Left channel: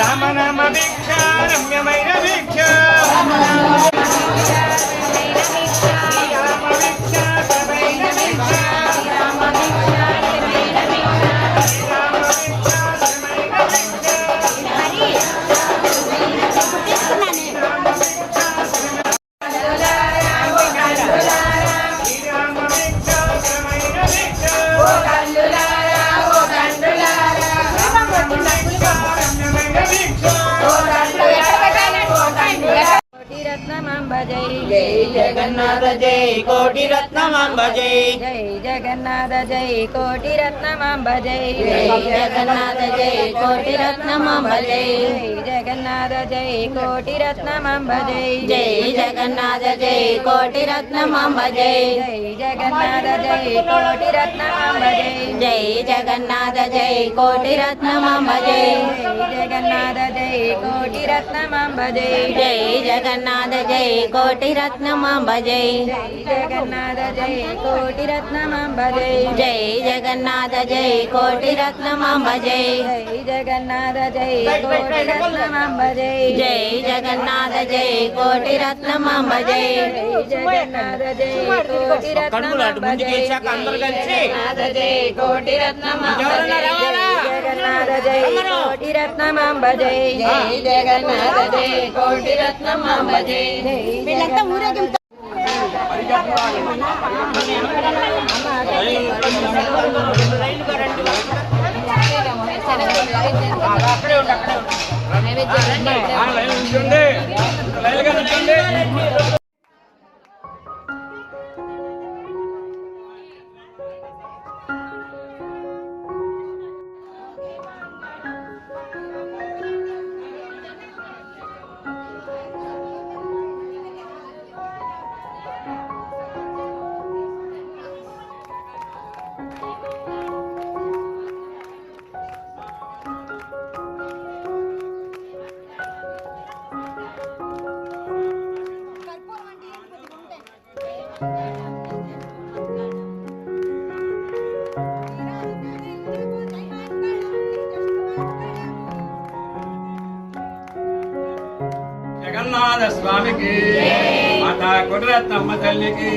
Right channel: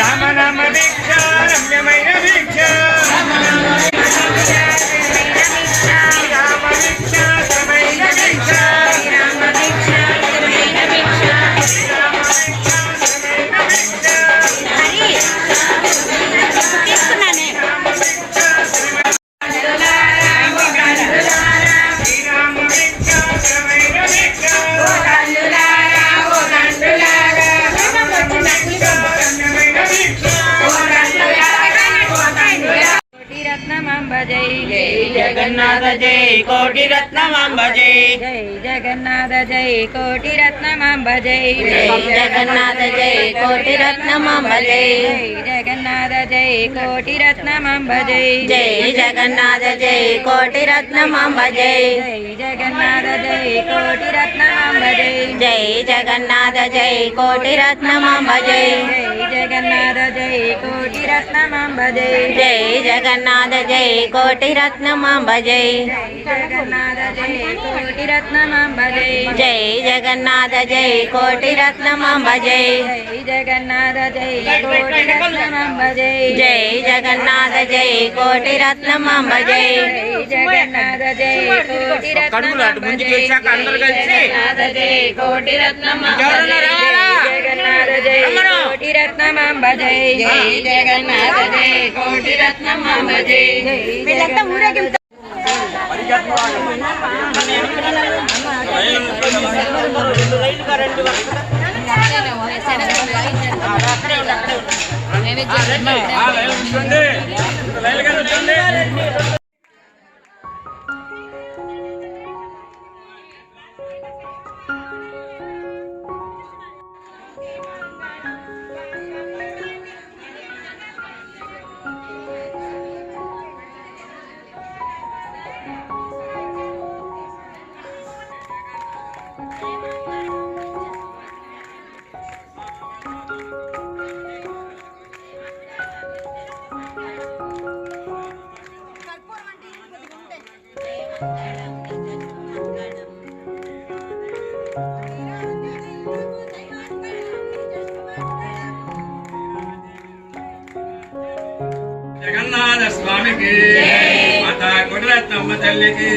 రామనామ భిక్ష రమ్యమైన భిక్ష जय जगन्नाथ जय कोटि रत्नमांब जय जय जगन्नाथ जय कोटि रत्नमांब जय जय जगन्नाथ जय कोटि रत्नमांब जय जगन्नाथ जय कोटि रत्नमांब जय जय जगन्नाथ जय कोटि रत्नमांब जय जगन्नाथ जय कोटि रत्नमांब जय जय जगन्नाथ जय कोटि रत्नमांब जय जगन्नाथ जय कोटि रत्नमांब जय जय जगन्नाथ जय कोटि रत्नमांब जय जगन्नाथ जय कोटि रत्नमांब जय जय जगन्नाथ जय कोटि रत्नमांब जय जगन्नाथ जय कोटि रत्नमांब जय जय जगन्नाथ जय कोटि रत्नमांब जय जगन्नाथ जय कोटि रत्नमांब जय जगन्नाथ जय कोटि रत्नमांब जगन्नाथ जय कोटि रत्नमांब जय जगन्नाथ जय कोटि रत्नमांब जय వీళ్ళంతా ఊరేగింపు జగన్నాథ స్వామికి మాతా కోటిరత్నమ్మ తల్లికి